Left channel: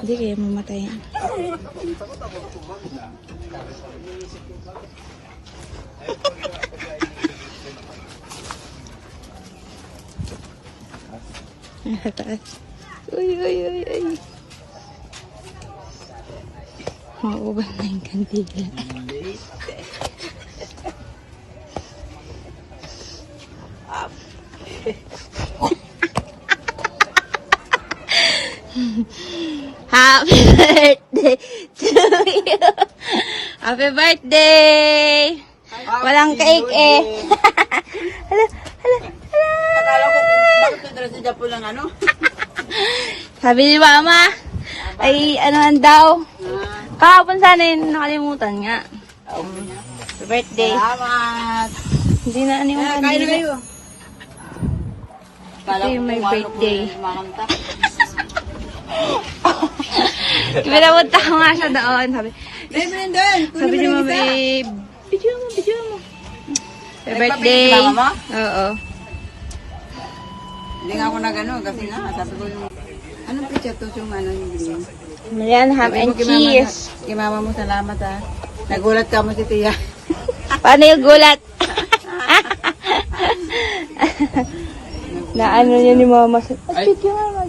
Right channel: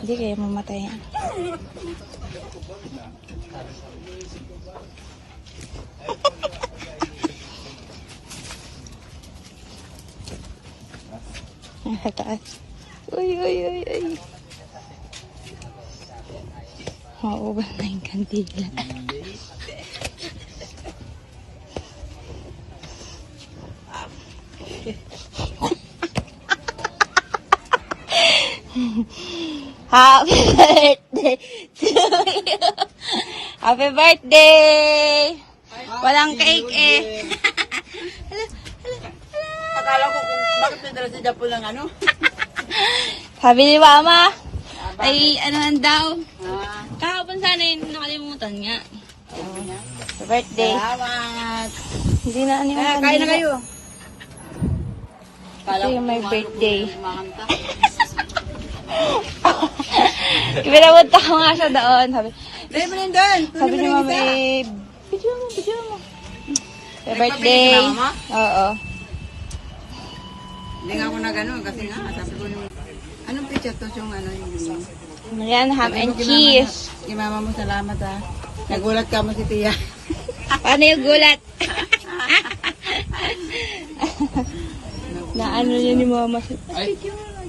Hindi kaya mamatay yan. Nasa taas. Uy. Mauubos na yung kandila. Happy birthday to you. Happy birthday. Walang cake eh. Hala. Akala ko kung bakit nadala si Japo ng ano. Sabi ni Mama, ay anohan daw. Ah, Kahapon sana yun, nakalimutan nga. Happy birthday. salamat. Hindi na ano yung Kain na kandila. kayo. Ito yung my birthday. Makanta. Pinapunta ko nga siya doon. Dahil mo rin doon. Sabi ni Mama eh, video mo. Happy Nagpapili birthday. si Mama mo? Oo. Hindi nga ako na gano'n kasi nga sabi ko nung anong picture to yung ano yung Ayan, ham and cheese. Kay mama mo salamat ha. Nagulat ka mo si Tia. Paano yung gulat? Na ano niya ni Mama. Ay, video nga.